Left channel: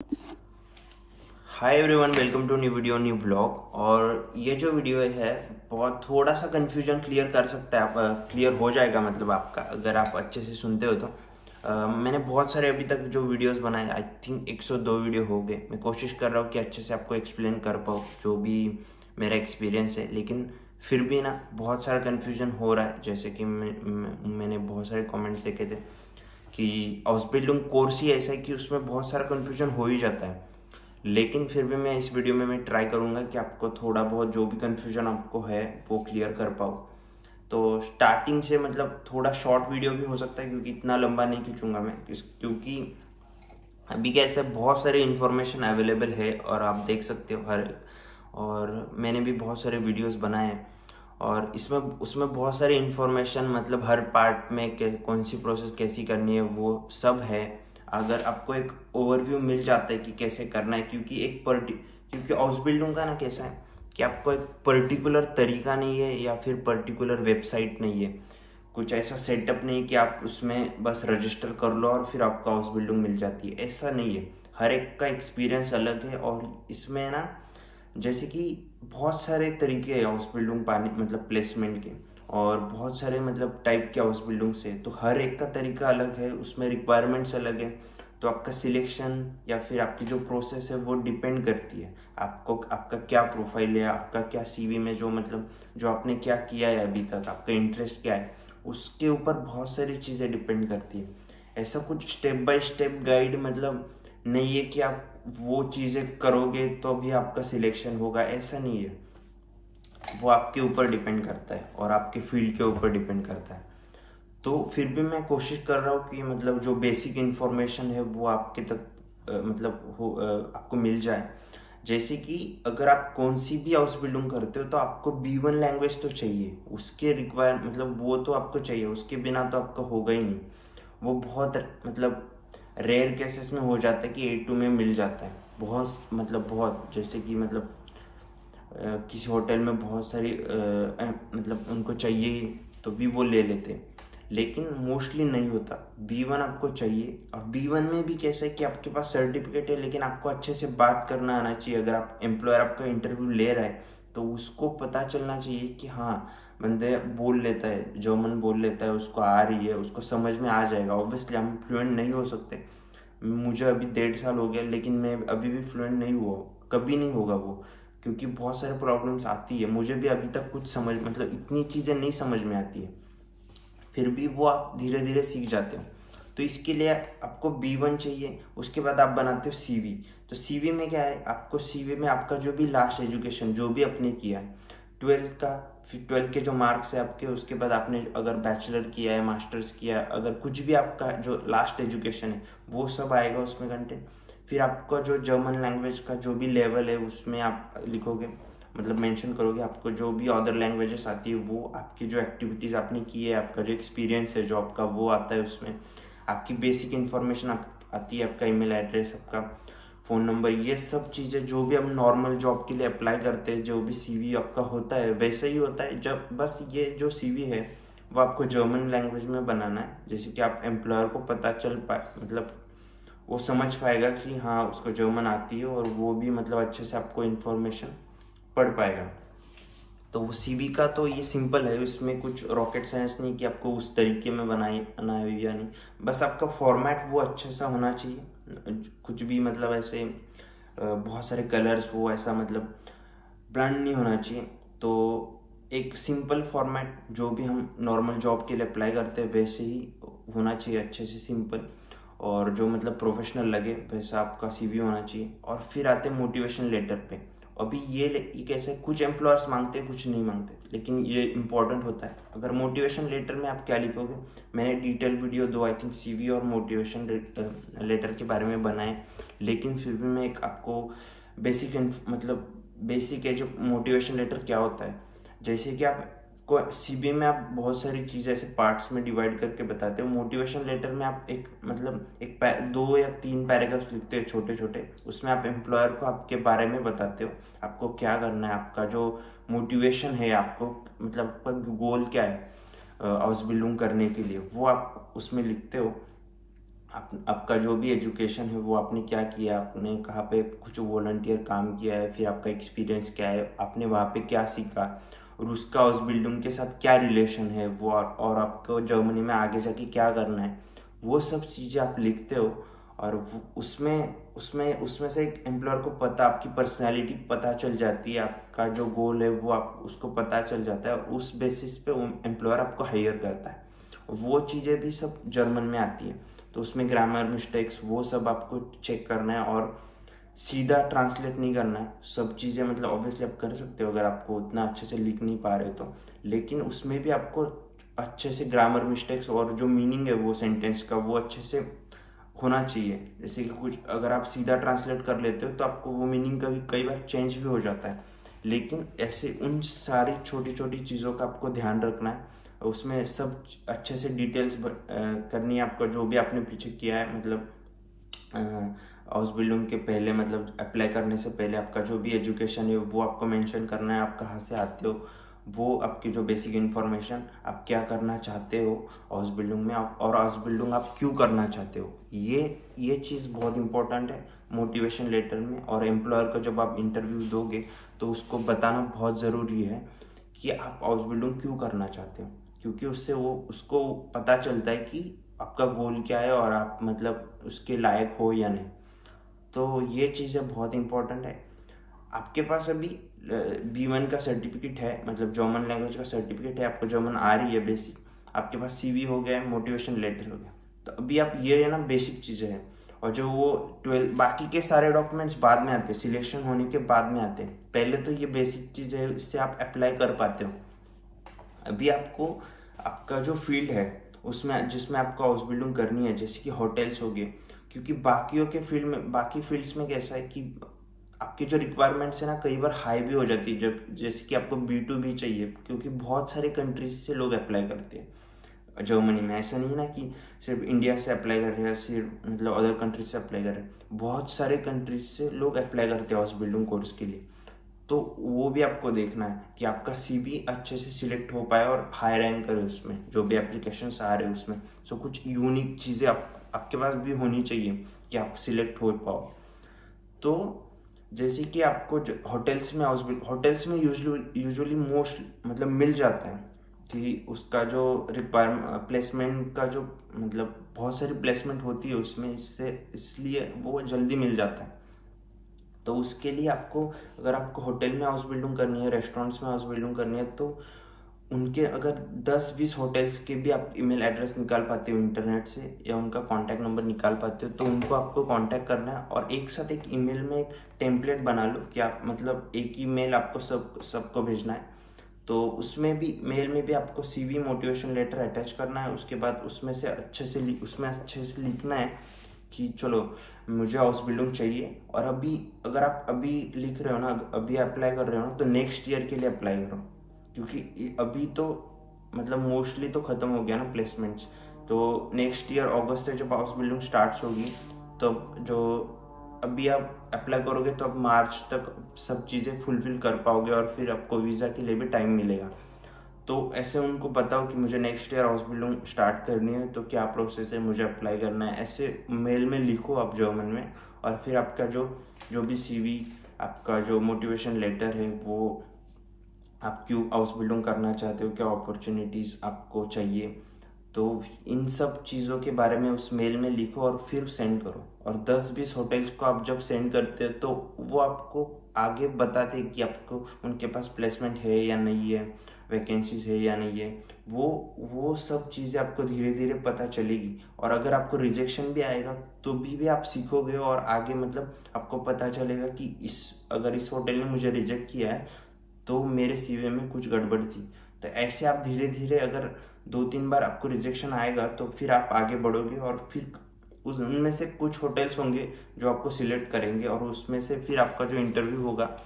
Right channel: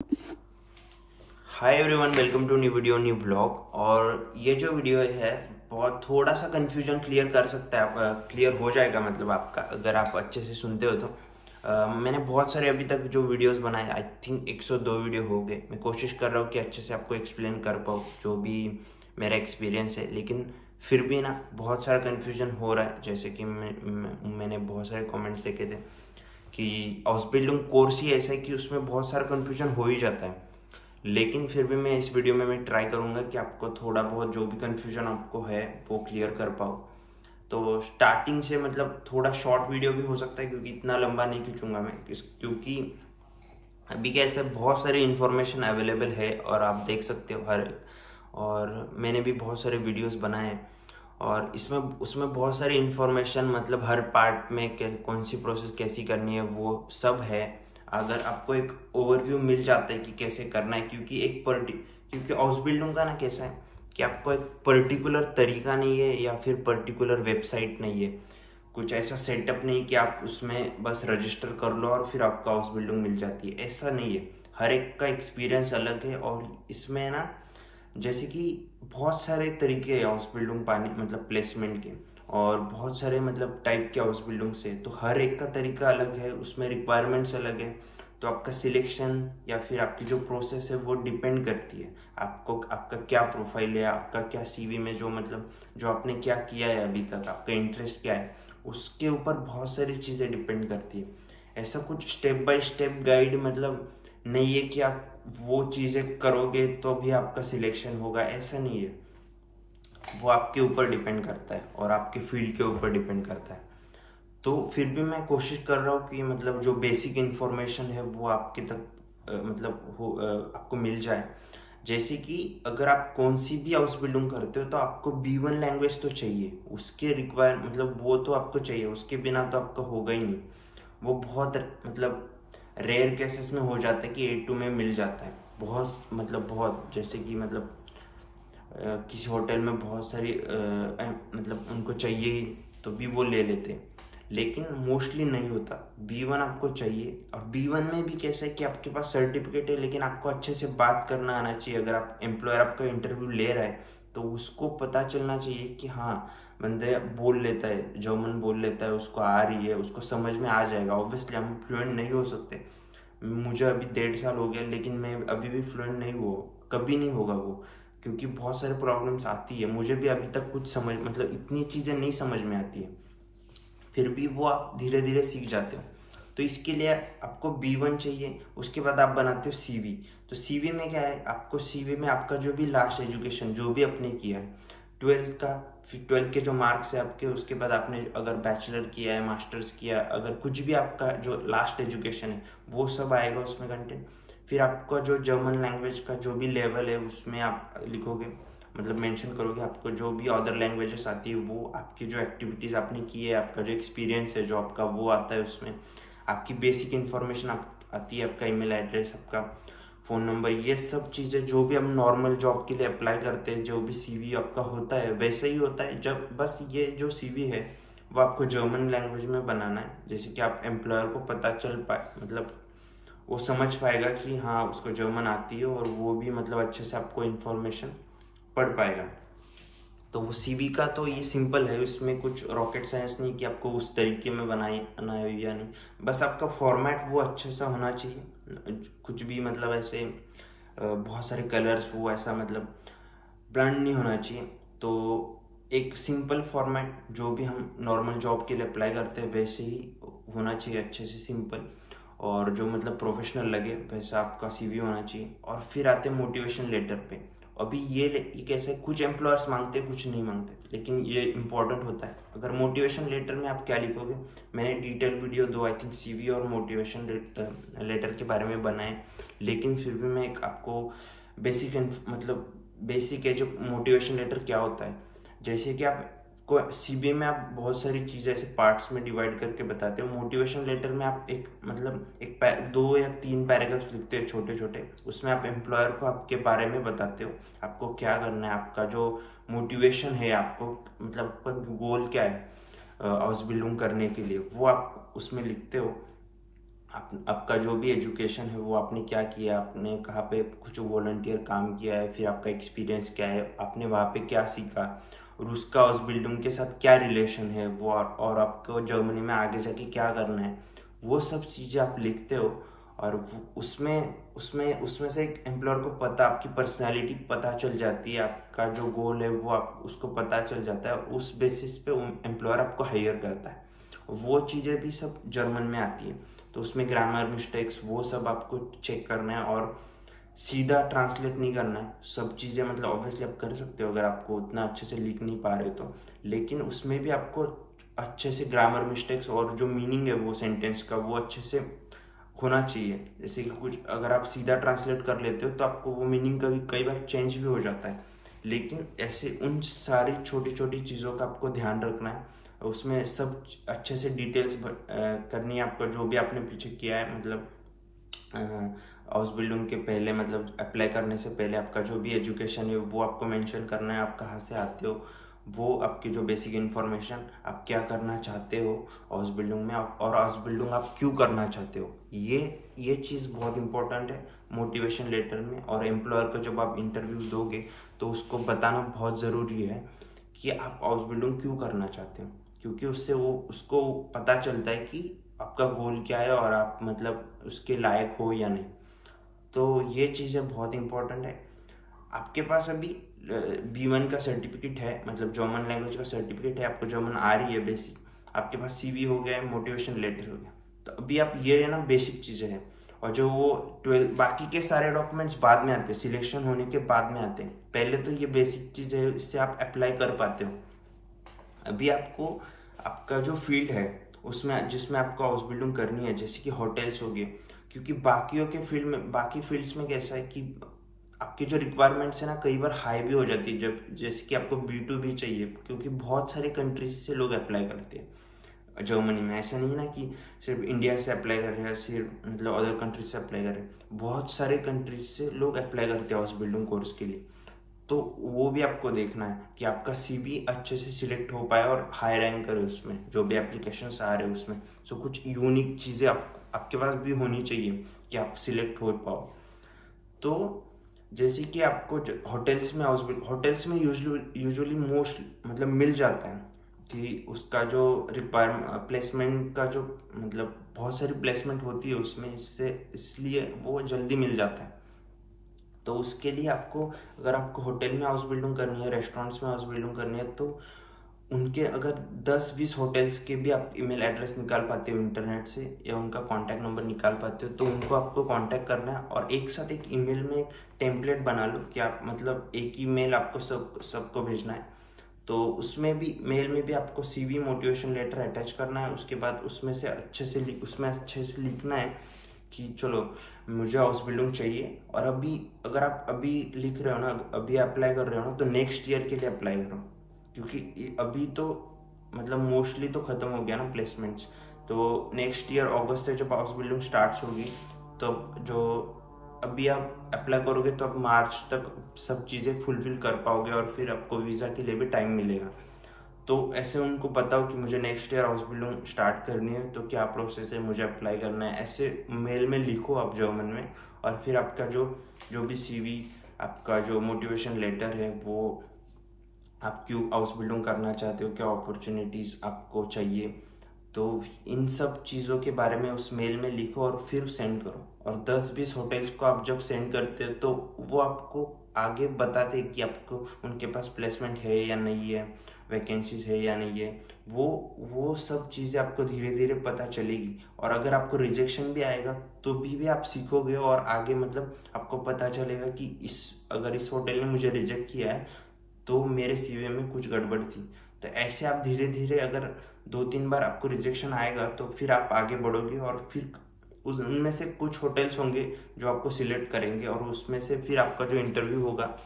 Hi everyone, welcome to new video new blog. और ये जो वीडियो है बहुत थोड़ा सा कंफ्यूजन क्लियर कर सकता है, क्लियर हो जाएगा मतलब आपका, अगर आप अच्छे से सुनते हो तो। मैंने बहुत सारे अभी तक जो वीडियोस बनाए, आई थिंक 102 वीडियो हो गए। मैं कोशिश कर रहा हूँ कि अच्छे से आपको एक्सप्लेन कर पाऊँ जो भी मेरा एक्सपीरियंस है, लेकिन फिर भी ना बहुत सारा कन्फ्यूजन हो रहा है। जैसे कि मैंने बहुत सारे कमेंट्स देखे थे कि हाउस बिल्डिंग कोर्स ही ऐसा है कि उसमें बहुत सारा कन्फ्यूजन हो ही जाता है। लेकिन फिर भी मैं इस वीडियो में मैं ट्राई करूंगा कि आपको थोड़ा बहुत जो भी कन्फ्यूजन आपको है वो क्लियर कर पाऊँ। तो स्टार्टिंग से मतलब थोड़ा शॉर्ट वीडियो भी हो सकता है, क्योंकि इतना लंबा नहीं खींचूंगा मैं, क्योंकि अभी कैसे बहुत सारे इन्फॉर्मेशन अवेलेबल है और आप देख सकते हो हर। और मैंने भी बहुत सारे वीडियोस बनाए हैं और इसमें उसमें बहुत सारी इन्फॉर्मेशन मतलब हर पार्ट में कौन सी प्रोसेस कैसी करनी है वो सब है। अगर आपको एक ओवरव्यू मिल जाता है कि कैसे करना है, क्योंकि हाउस बिल्डिंग का ना कैसा है कि आपको एक पर्टिकुलर तरीका नहीं है या फिर पर्टिकुलर वेबसाइट नहीं है, कुछ ऐसा सेटअप नहीं कि आप उसमें बस रजिस्टर कर लो और फिर आपको हाउस बिल्डिंग मिल जाती है, ऐसा नहीं है। हर एक का एक्सपीरियंस अलग है और इसमें ना जैसे कि बहुत सारे तरीके हैं हाउस बिल्डिंग पाने मतलब प्लेसमेंट के, और बहुत सारे मतलब टाइप के हाउस बिल्डिंग से, तो हर एक का तरीका अलग है, उसमें रिक्वायरमेंट्स अलग है। तो आपका सिलेक्शन या फिर आपकी जो प्रोसेस है वो डिपेंड करती है आपको, आपका क्या प्रोफाइल है, आपका क्या सीवी में जो मतलब जो आपने क्या किया है अभी तक, आपका इंटरेस्ट क्या है, उसके ऊपर बहुत सारी चीज़ें डिपेंड करती है। ऐसा कुछ स्टेप बाय स्टेप गाइड मतलब नहीं है कि आप वो चीज़ें करोगे तो भी आपका सिलेक्शन होगा, ऐसा नहीं है। वो आपके ऊपर डिपेंड करता है और आपके फील्ड के ऊपर डिपेंड करता है। तो फिर भी मैं कोशिश कर रहा हूँ कि मतलब जो बेसिक इन्फॉर्मेशन है वो आपके तक आपको मिल जाए। जैसे कि अगर आप कौन सी भी हाउस बिल्डिंग करते हो तो आपको B1 लैंग्वेज तो चाहिए, उसके रिक्वायर मतलब वो तो आपको चाहिए, उसके बिना तो आपका होगा ही नहीं। वो बहुत मतलब रेयर केसेस में हो जाता है कि A2 में मिल जाता है, बहुत मतलब बहुत, जैसे कि मतलब किसी होटल में बहुत सारी मतलब उनको चाहिए ही तो भी वो ले लेते हैं, लेकिन मोस्टली नहीं होता। B1 आपको चाहिए, और B1 में भी कैसा है कि आपके पास सर्टिफिकेट है लेकिन आपको अच्छे से बात करना आना चाहिए। अगर आप एम्प्लॉयर आपका इंटरव्यू ले रहा है तो उसको पता चलना चाहिए कि हाँ बंदे बोल लेता है, जर्मन बोल लेता है, उसको आ रही है, उसको समझ में आ जाएगा। ऑब्वियसली हम फ्लुएंट नहीं हो सकते, मुझे अभी 1.5 साल हो गया लेकिन मैं अभी भी फ्लुएंट नहीं हुआ, कभी नहीं होगा वो, क्योंकि बहुत सारे प्रॉब्लम्स आती है। मुझे भी अभी तक कुछ समझ मतलब इतनी चीज़ें नहीं समझ में आती है, फिर भी वो आप धीरे धीरे सीख जाते हो। तो इसके लिए आपको B1 चाहिए, उसके बाद आप बनाते हो CV। तो CV में क्या है, आपको CV में आपका जो भी लास्ट एजुकेशन जो भी आपने किया है, 12th का, फिर 12th के जो मार्क्स है आपके, उसके बाद आपने अगर बैचलर किया है, मास्टर्स किया, अगर कुछ भी आपका जो लास्ट एजुकेशन है वो सब आएगा उसमें कंटेंट। फिर आपका जो जर्मन लैंग्वेज का जो भी लेवल है उसमें आप लिखोगे, मतलब मेंशन करोगे आपको जो भी अदर लैंग्वेजेस आती है, वो आपकी जो एक्टिविटीज़ आपने की है, आपका जो एक्सपीरियंस है जॉब का वो आता है उसमें। आपकी बेसिक इन्फॉर्मेशन आती है, आपका ईमेल एड्रेस, आपका फ़ोन नंबर, ये सब चीज़ें जो भी हम नॉर्मल जॉब के लिए अप्लाई करते हैं, जो भी CV आपका होता है वैसा ही होता है। जब बस ये जो CV है वो आपको जर्मन लैंग्वेज में बनाना है, जैसे कि आप एम्प्लॉयर को पता चल पाए, मतलब वो समझ पाएगा कि हाँ उसको जर्मन आती है, और वो भी मतलब अच्छे से आपको इन्फॉर्मेशन पढ़ पाएगा। तो वो CV का तो ये सिंपल है, इसमें कुछ रॉकेट साइंस नहीं कि आपको उस तरीके में बनाना है या नहीं। बस आपका फॉर्मेट वो अच्छा सा होना चाहिए, कुछ भी मतलब ऐसे बहुत सारे कलर्स वो ऐसा मतलब ब्रांड नहीं होना चाहिए। तो एक सिंपल फॉर्मेट जो भी हम नॉर्मल जॉब के लिए अप्लाई करते हैं वैसे ही होना चाहिए, अच्छे से सिंपल, और जो मतलब प्रोफेशनल लगे वैसा आपका CV होना चाहिए। और फिर आते हैं मोटिवेशन लेटर पे। अभी ये कैसे कुछ एम्प्लॉयर्स मांगते हैं कुछ नहीं मांगते, लेकिन ये इंपॉर्टेंट होता है। अगर मोटिवेशन लेटर में आप क्या लिखोगे, मैंने डिटेल वीडियो दो आई थिंक CV और मोटिवेशन लेटर के बारे में बनाए, लेकिन फिर भी मैं एक आपको बेसिक मतलब बेसिक है जो मोटिवेशन लेटर क्या होता है। जैसे कि आप को CV में आप बहुत सारी चीज़ें ऐसे पार्ट्स में डिवाइड करके बताते हो, मोटिवेशन लेटर में आप एक मतलब 2 या 3 पैराग्राफ्स लिखते हो छोटे छोटे, उसमें आप एम्प्लॉयर को आपके बारे में बताते हो, आपको क्या करना है, आपका जो मोटिवेशन है, आपको मतलब आपका गोल क्या है हाउस बिल्डिंग करने के लिए, वो आप उसमें लिखते हो। आपका जो भी एजुकेशन है वो आपने क्या किया, आपने कहाँ पे कुछ वॉलंटियर काम किया है, फिर आपका एक्सपीरियंस क्या है, आपने वहाँ पे क्या सीखा, और उसका उस बिल्डिंग के साथ क्या रिलेशन है वो, और आपको जर्मनी में आगे जाके क्या करना है, वो सब चीज़ें आप लिखते हो। और उसमें उसमें उसमें से एक एम्प्लॉयर को पता, आपकी पर्सनैलिटी पता चल जाती है, आपका जो गोल है वो आप उसको पता चल जाता है, और उस बेसिस पे एम्प्लॉयर आपको हायर करता है। वो चीज़ें भी सब जर्मन में आती है। तो उसमें ग्रामर मिस्टेक्स वो सब आपको चेक करना है, और सीधा ट्रांसलेट नहीं करना है सब चीज़ें। मतलब ऑब्वियसली आप कर सकते हो अगर आपको उतना अच्छे से लिख नहीं पा रहे हो तो, लेकिन उसमें भी आपको अच्छे से ग्रामर मिस्टेक्स और जो मीनिंग है वो सेंटेंस का वो अच्छे से होना चाहिए। जैसे कि कुछ अगर आप सीधा ट्रांसलेट कर लेते हो तो आपको वो मीनिंग कभी कई बार चेंज भी हो जाता है। लेकिन ऐसे उन सारी छोटी छोटी चीज़ों का आपको ध्यान रखना है, उसमें सब अच्छे से डिटेल्स करनी है आपको, जो भी आपने पीछे किया है। मतलब हाउस बिल्डिंग के पहले, मतलब अप्लाई करने से पहले आपका जो भी एजुकेशन है वो आपको मेंशन करना है, आप कहाँ से आते हो, वो आपकी जो बेसिक इन्फॉर्मेशन, आप क्या करना चाहते हो हाउस बिल्डिंग में, आप और हाउस बिल्डिंग आप क्यों करना चाहते हो, ये चीज़ बहुत इंपॉर्टेंट है मोटिवेशन लेटर में। और एम्प्लॉयर को जब आप इंटरव्यू दोगे तो उसको बताना बहुत ज़रूरी है कि आप हाउस बिल्डिंग क्यों करना चाहते हो, क्योंकि उससे वो उसको पता चलता है कि आपका गोल क्या है और आप मतलब उसके लायक हो या नहीं। तो ये चीज़ें बहुत इंपॉर्टेंट है। आपके पास अभी B1 का सर्टिफिकेट है, मतलब जर्मन लैंग्वेज का सर्टिफिकेट है, आपको जर्मन आ रही है बेसिक, आपके पास CV हो गया है, मोटिवेशन लेटर हो गया, तो अभी आप ये है ना बेसिक चीज़ें हैं। और जो वो 12 बाकी के सारे डॉक्यूमेंट्स बाद में आते हैं, सिलेक्शन होने के बाद में आते हैं, पहले तो ये बेसिक चीज़ें है, इससे आप अप्लाई कर पाते हो। अभी आपको आपका जो फील्ड है उसमें, जिसमें आपको हाउस बिल्डिंग करनी है, जैसे कि होटल्स हो गए, क्योंकि बाकियों के फील्ड में, बाकी फील्ड्स में कैसा है कि आपकी जो रिक्वायरमेंट्स है ना कई बार हाई भी हो जाती है, जब जैसे कि आपको B2B चाहिए, क्योंकि बहुत सारे कंट्रीज से लोग अप्लाई करते हैं जर्मनी में। ऐसा नहीं है ना कि सिर्फ इंडिया से अप्लाई कर रहे हैं, सिर्फ मतलब अदर कंट्रीज से अप्लाई कर रहे हैं, बहुत सारे कंट्रीज से लोग अप्लाई करते हैं हाउस बिल्डिंग कोर्स के लिए। तो वो भी आपको देखना है कि आपका CV अच्छे से सिलेक्ट हो पाए और हाई रैंक करे उसमें, जो भी एप्लीकेशन आ रहे हैं उसमें। सो कुछ यूनिक चीज़ें आपके पास भी होनी चाहिए कि आप सिलेक्ट हो पाओ। तो जैसे कि आपको होटल्स में यूजुअली मोस्ट मतलब मिल जाता है कि उसका जो रिक्वायरमेंट प्लेसमेंट का जो मतलब बहुत सारी प्लेसमेंट होती है उसमें, इसलिए वो जल्दी मिल जाता है। तो उसके लिए आपको, अगर आपको होटल में हाउस बिल्डिंग करनी है, रेस्टोरेंट्स में हाउस बिल्डिंग करनी है, तो उनके अगर 10-20 होटल्स के भी आप ईमेल एड्रेस निकाल पाते हो इंटरनेट से, या उनका कॉन्टैक्ट नंबर निकाल पाते हो, तो उनको आपको कांटेक्ट करना है, और एक साथ एक ईमेल में एक टेम्पलेट बना लो कि आप मतलब एक ही मेल आपको सबको भेजना है। तो उसमें भी, मेल में भी आपको CV मोटिवेशन लेटर अटैच करना है। उसके बाद उसमें अच्छे से लिखना है कि चलो मुझे हाउस बिल्डिंग चाहिए, और अभी अगर आप अभी लिख रहे हो ना, अभी अप्लाई कर रहे हो ना, तो नेक्स्ट ईयर के लिए अप्लाई करो, क्योंकि अभी तो मतलब मोस्टली तो ख़त्म हो गया ना प्लेसमेंट्स। तो नेक्स्ट ईयर अगस्त से जब हाउस बिल्डिंग स्टार्ट होगी, तो जो अभी आप अप्लाई करोगे तो आप मार्च तक सब चीज़ें फुलफिल कर पाओगे, और फिर आपको वीज़ा के लिए भी टाइम मिलेगा। तो ऐसे उनको बताओ कि मुझे next year house building start करनी है, तो क्या प्रोसेस है, मुझे अप्लाई करना है, ऐसे मेल में लिखो आप जर्मन में। और फिर आपका जो भी CV, आपका जो मोटिवेशन लेटर है, वो आप क्यों हाउस बिल्डिंग करना चाहते हो, क्या अपॉर्चुनिटीज़ आपको चाहिए, तो इन सब चीज़ों के बारे में उस मेल में लिखो और फिर सेंड करो। और 10-20 होटल्स को आप जब सेंड करते हो तो वो आपको आगे बताते कि आपको उनके पास प्लेसमेंट है या नहीं है, वैकेंसीज है या नहीं है, वो सब चीज़ें आपको धीरे धीरे पता चलेगी। और अगर आपको रिजेक्शन भी आएगा तो भी आप सीखोगे, और आगे मतलब आपको पता चलेगा कि अगर इस होटल ने मुझे रिजेक्ट किया है तो मेरे CV में कुछ गड़बड़ थी। तो ऐसे आप धीरे धीरे, अगर 2-3 बार आपको रिजेक्शन आएगा तो फिर आप आगे बढ़ोगे, और फिर उनमें से कुछ होटल्स होंगे जो आपको सिलेक्ट करेंगे, और उसमें से फिर आपका जो इंटरव्यू होगा,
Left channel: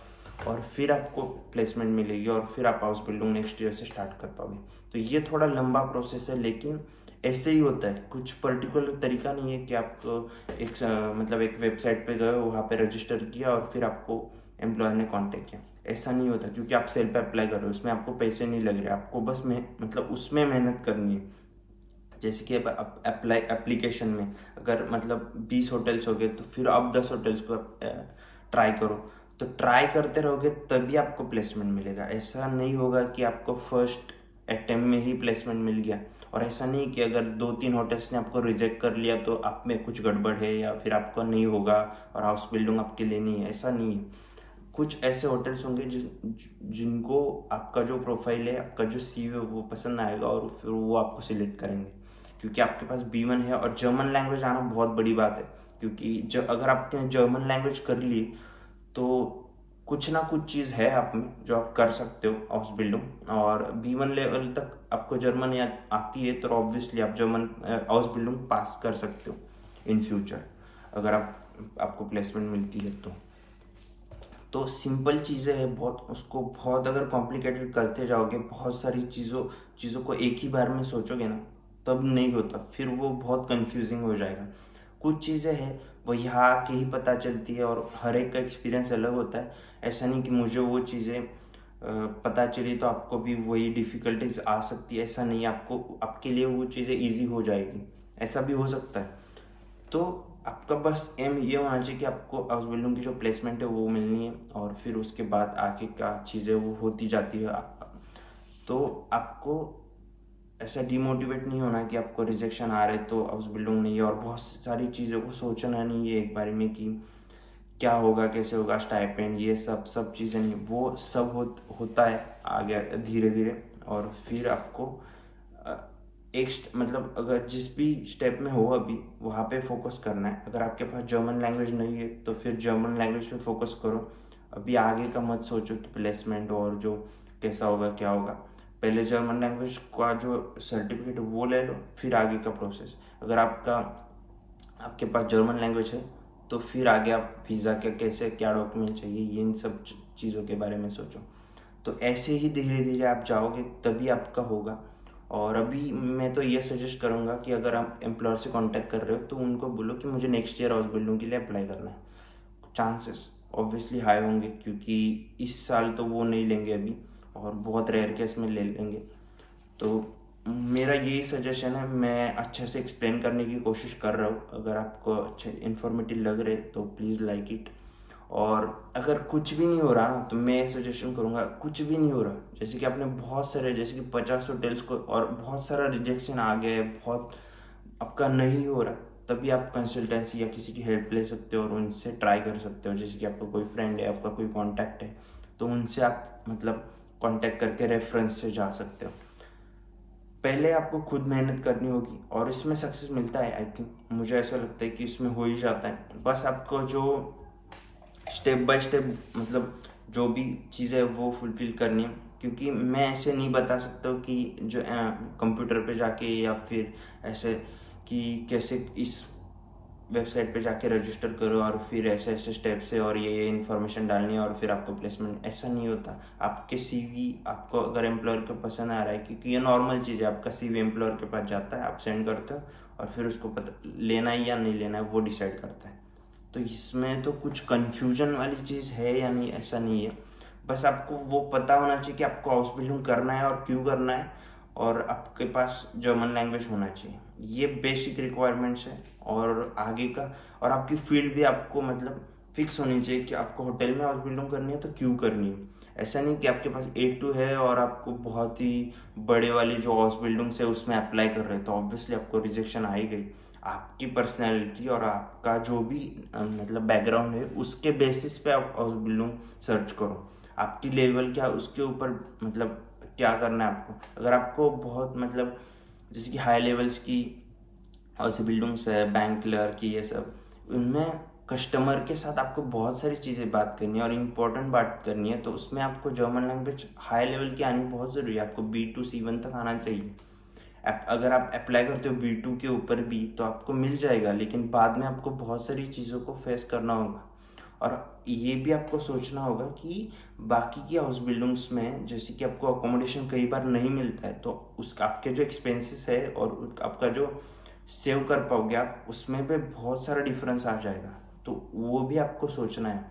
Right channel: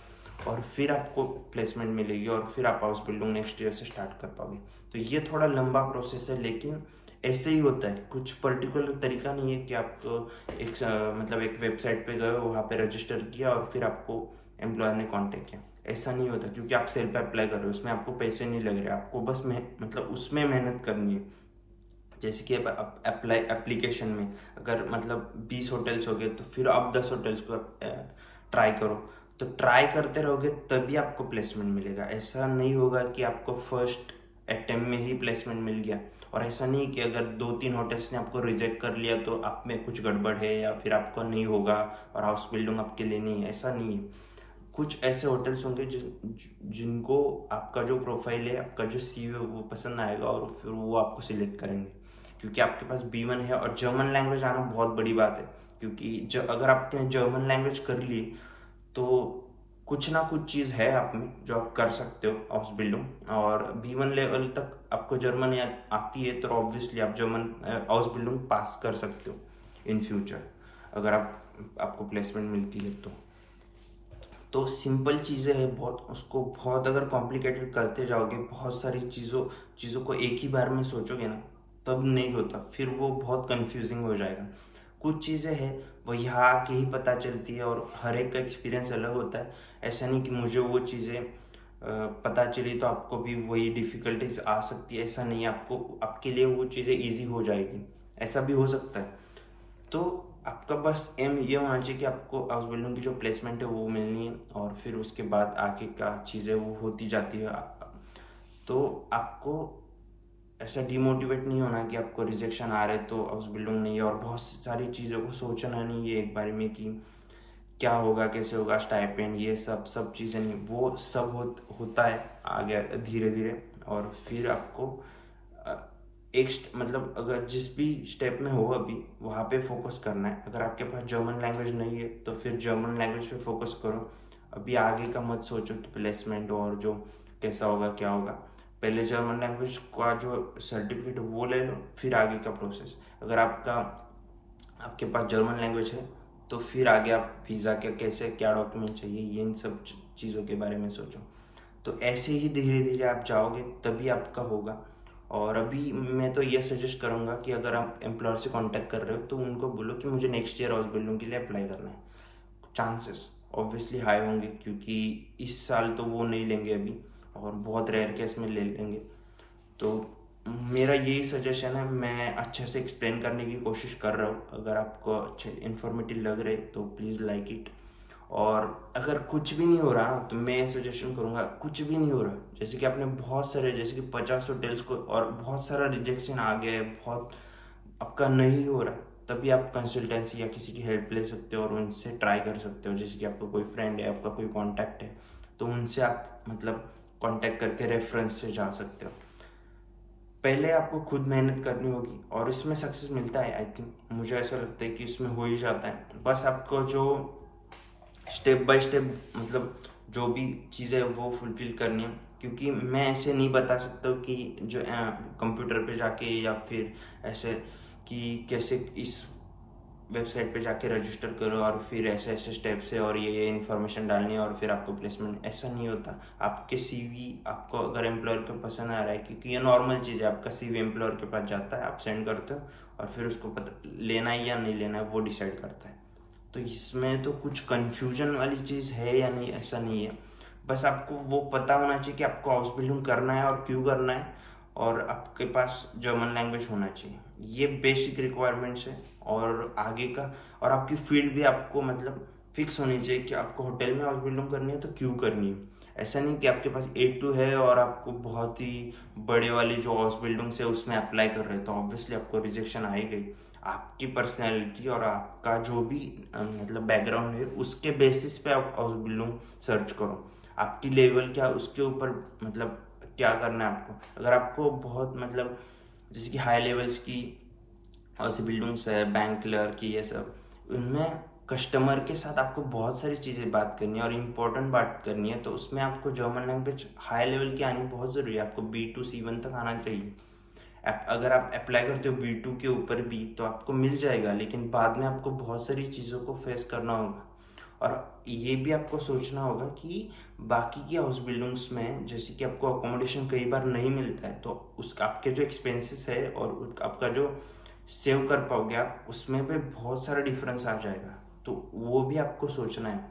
और फिर आपको प्लेसमेंट मिलेगी, और फिर आप हाउस बिल्डिंग नेक्स्ट ईयर से स्टार्ट कर पाओगे। तो ये थोड़ा लंबा प्रोसेस है, लेकिन ऐसे ही होता है, कुछ पर्टिकुलर तरीका नहीं है कि आपको मतलब एक वेबसाइट पे गए, वहाँ पे रजिस्टर किया और फिर आपको एम्प्लॉयर ने कांटेक्ट किया। ऐसा नहीं होता, क्योंकि आप सेल्फ अप्लाई कर रहे हो, उसमें आपको पैसे नहीं लग रहे, आपको बस मतलब उसमें मेहनत करनी है। जैसे कि अब एप्लीकेशन में अगर मतलब 20 होटल्स हो गए तो फिर आप 10 होटल्स को ट्राई करो। तो ट्राई करते रहोगे तभी आपको प्लेसमेंट मिलेगा। ऐसा नहीं होगा कि आपको फर्स्ट अटेम्प्ट में ही प्लेसमेंट मिल गया। और ऐसा नहीं कि अगर 2-3 होटल्स ने आपको रिजेक्ट कर लिया तो आप में कुछ गड़बड़ है या फिर आपको नहीं होगा और हाउस बिल्डिंग आपके लिए नहीं है, ऐसा नहीं है। कुछ ऐसे होटल्स होंगे जिनको आपका जो प्रोफाइल है, आपका जो CV है वो पसंद आएगा और फिर वो आपको सिलेक्ट करेंगे, क्योंकि आपके पास B1 है। और जर्मन लैंग्वेज आना बहुत बड़ी बात है, क्योंकि अगर आपने जर्मन लैंग्वेज कर ली तो कुछ ना कुछ चीज़ है आप में जो आप कर सकते हो हाउस बिल्डिंग। और B1 लेवल तक आपको जर्मन आती है तो ऑब्वियसली आप जर्मन हाउस बिल्डिंग पास कर सकते हो इन फ्यूचर, अगर आपको प्लेसमेंट मिलती है तो सिंपल चीज़ें हैं बहुत। उसको बहुत अगर कॉम्प्लिकेटेड करते जाओगे, बहुत सारी चीज़ों को एक ही बार में सोचोगे ना, तब नहीं होता, फिर वो बहुत कंफ्यूजिंग हो जाएगा। कुछ चीज़ें हैं वो यहाँ आके ही पता चलती है और हर एक का एक्सपीरियंस अलग होता है। ऐसा नहीं कि मुझे वो चीज़ें पता चली तो आपको भी वही डिफ़िकल्टीज आ सकती है, ऐसा नहीं। आपके लिए वो चीज़ें ईजी हो जाएगी, ऐसा भी हो सकता है। तो आपका बस एम ये होना चाहिए कि आपको हाउस बिल्डिंग की जो प्लेसमेंट है वो मिलनी है, और फिर उसके बाद आगे का चीज़ें वो होती जाती है। तो आपको ऐसा डिमोटिवेट नहीं होना कि आपको रिजेक्शन आ रहे तो हाउस बिल्डिंग नहीं है, और बहुत सारी चीज़ों को सोचना नहीं है एक बारे में कि क्या होगा, कैसे होगा, स्टाइपेंड, ये सब चीज़ें नहीं, वो सब होता है आगे धीरे धीरे। और फिर आपको मतलब अगर जिस भी स्टेप में हो अभी वहाँ पे फोकस करना है। अगर आपके पास जर्मन लैंग्वेज नहीं है तो फिर जर्मन लैंग्वेज पे फोकस करो। अभी आगे का मत सोचो कि प्लेसमेंट और जो कैसा होगा क्या होगा। पहले जर्मन लैंग्वेज का जो सर्टिफिकेट वो ले लो, फिर आगे का प्रोसेस। अगर आपके पास जर्मन लैंग्वेज है तो फिर आगे आप वीज़ा के कैसे क्या डॉक्यूमेंट चाहिए, ये इन सब चीज़ों के बारे में सोचो। तो ऐसे ही धीरे धीरे आप जाओगे तभी आपका होगा। और अभी मैं तो ये सजेस्ट करूँगा कि अगर आप एम्प्लॉयर से कांटेक्ट कर रहे हो तो उनको बोलो कि मुझे नेक्स्ट ईयर हाउस बिल्डिंग के लिए अप्लाई करना है। चांसेस ऑब्वियसली हाई होंगे क्योंकि इस साल तो वो नहीं लेंगे अभी, और बहुत रेयर केस में ले लेंगे। तो मेरा यही सजेशन है, मैं अच्छे से एक्सप्लेन करने की कोशिश कर रहा हूँ। अगर आपको अच्छे इन्फॉर्मेटिव लग रहे तो प्लीज़ लाइक इट। और अगर कुछ भी नहीं हो रहा ना तो मैं सजेशन करूँगा, कुछ भी नहीं हो रहा, जैसे कि आपने बहुत सारे, जैसे कि 50 होटल्स को और बहुत सारा रिजेक्शन आ गया है, बहुत आपका नहीं हो रहा, तभी आप कंसल्टेंसी या किसी की हेल्प ले सकते हो और उनसे ट्राई कर सकते हो। जैसे कि आपका कोई फ्रेंड है, आपका कोई कॉन्टैक्ट है, तो उनसे आप मतलब कॉन्टैक्ट करके रेफरेंस से जा सकते हो। पहले आपको खुद मेहनत करनी होगी और इसमें सक्सेस मिलता है। आई थिंक, मुझे ऐसा लगता है कि इसमें हो ही जाता है। बस आपको जो स्टेप बाय स्टेप मतलब जो भी चीज़ें वो फुलफिल करनी है, क्योंकि मैं ऐसे नहीं बता सकता हूँ कि जो कंप्यूटर पे जाके या फिर ऐसे कि कैसे इस वेबसाइट पे जाके रजिस्टर करो और फिर ऐसे ऐसे स्टेप से और ये इन्फॉर्मेशन डालनी है और फिर आपको प्लेसमेंट, ऐसा नहीं होता। आपके CV आपको अगर एम्प्लॉयर को पसंद आ रहा है, क्योंकि ये नॉर्मल चीज़ है, आपका CV एम्प्लॉयर के पास जाता है, आप सेंड करते हो और फिर उसको पता लेना है या नहीं लेना है वो डिसाइड करता है। तो इसमें तो कुछ कन्फ्यूजन वाली चीज़ है या नहीं, ऐसा नहीं है। बस आपको वो पता होना चाहिए कि आपको हाउस बिल्डिंग करना है और क्यों करना है, और आपके पास जर्मन लैंग्वेज होना चाहिए। ये बेसिक रिक्वायरमेंट्स है। और आगे का, और आपकी फील्ड भी आपको मतलब फिक्स होनी चाहिए कि आपको होटल में हाउस बिल्डिंग करनी है तो क्यों करनी है। ऐसा नहीं कि आपके पास A2 है और आपको बहुत ही बड़े वाली जो हाउस बिल्डिंग्स है उसमें अप्लाई कर रहे हैं, तो ऑब्वियसली आपको रिजेक्शन आ ही गई। आपकी पर्सनैलिटी और आपका जो भी मतलब बैकग्राउंड है उसके बेसिस पे आप हाउस बिल्डिंग सर्च करो। आपकी लेवल क्या उसके ऊपर मतलब क्या करना है आपको। अगर आपको बहुत मतलब जैसे कि हाई लेवल्स की हाउस बिल्डिंग्स है, बैंक क्लर्क की, ये सब, उनमें कस्टमर के साथ आपको बहुत सारी चीज़ें बात करनी है और इम्पोर्टेंट बात करनी है, तो उसमें आपको जर्मन लैंग्वेज हाई लेवल की आनी बहुत ज़रूरी है। आपको B2 C1 तक आना चाहिए। अगर आप अप्लाई करते हो B2 के ऊपर भी तो आपको मिल जाएगा, लेकिन बाद में आपको बहुत सारी चीज़ों को फेस करना होगा। और ये भी आपको सोचना होगा कि बाकी की हाउस बिल्डिंग्स में जैसे कि आपको अकोमोडेशन कई बार नहीं मिलता है, तो उसका आपके जो एक्सपेंसेस है और आपका जो सेव कर पाओगे आप, उसमें पे बहुत सारा डिफरेंस आ जाएगा। तो वो भी आपको सोचना है।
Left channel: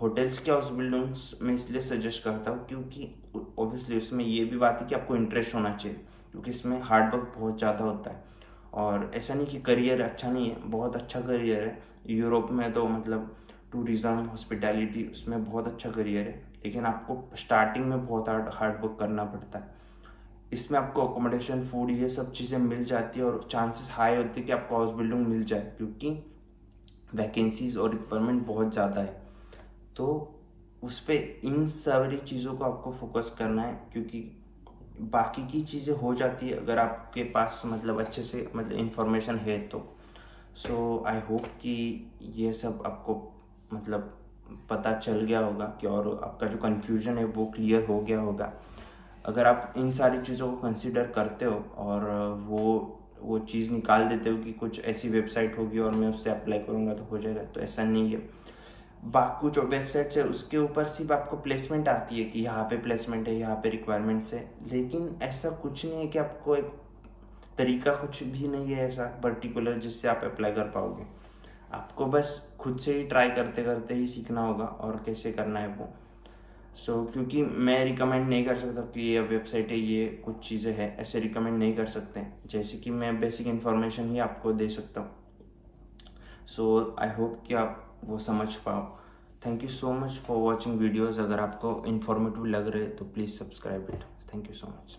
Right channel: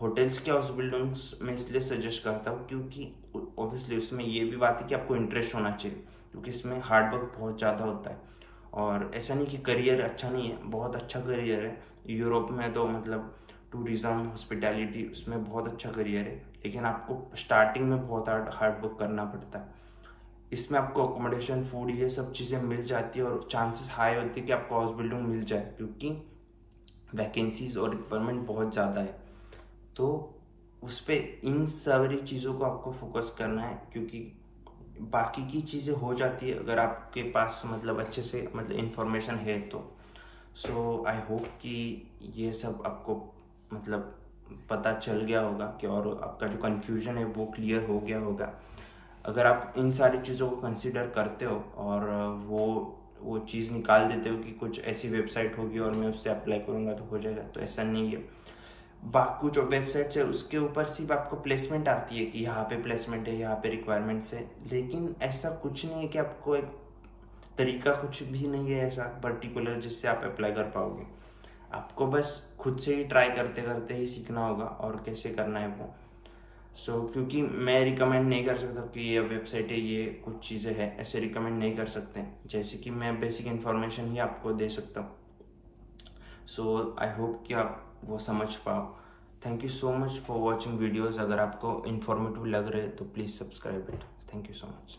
होटल्स के हाउस बिल्डिंग्स में इसलिए सजेस्ट करता हूँ क्योंकि ऑब्वियसली उसमें ये भी बात है कि आपको इंटरेस्ट होना चाहिए, क्योंकि इसमें हार्ड वर्क बहुत ज़्यादा होता है। और ऐसा नहीं कि करियर अच्छा नहीं है, बहुत अच्छा करियर है। यूरोप में तो मतलब टूरिज़्म, हॉस्पिटैलिटी, उसमें बहुत अच्छा करियर है, लेकिन आपको स्टार्टिंग में बहुत हार्ड वर्क करना पड़ता है। इसमें आपको अकोमोडेशन, फूड, ये सब चीज़ें मिल जाती है और चांसेस हाई होते हैं कि आपको हाउस बिल्डिंग मिल जाए, क्योंकि वैकेंसीज और रिक्वायरमेंट बहुत ज़्यादा है। तो उस पर इन सारी चीज़ों को आपको फोकस करना है, क्योंकि बाकी की चीज़ें हो जाती है अगर आपके पास मतलब अच्छे से मतलब इन्फॉर्मेशन है तो। सो आई होप कि ये सब आपको मतलब पता चल गया होगा कि, और आपका जो कन्फ्यूजन है वो क्लियर हो गया होगा। अगर आप इन सारी चीज़ों को कंसिडर करते हो और वो चीज़ निकाल देते हो कि कुछ ऐसी वेबसाइट होगी और मैं उससे अप्लाई करूँगा तो हो जाएगा, तो ऐसा नहीं है। बाकी जो वेबसाइट्स है उसके ऊपर सिर्फ आपको प्लेसमेंट आती है कि यहाँ पे प्लेसमेंट है, यहाँ पे रिक्वायरमेंट्स है, लेकिन ऐसा कुछ नहीं है कि आपको एक तरीका कुछ भी नहीं है ऐसा पर्टिकुलर जिससे आप अप्लाई कर पाओगे। आपको बस खुद से ही ट्राई करते करते ही सीखना होगा और कैसे करना है वो। क्योंकि मैं रिकमेंड नहीं कर सकता कि ये वेबसाइट है, ये कुछ चीज़ें हैं, ऐसे रिकमेंड नहीं कर सकते, जैसे कि मैं बेसिक इन्फॉर्मेशन ही आपको दे सकता हूँ। आई होप कि आप वो समझ पाओ। Thank you so much for watching videos. अगर आपको इन्फॉर्मेटिव लग रहे तो please subscribe it. Thank you so much.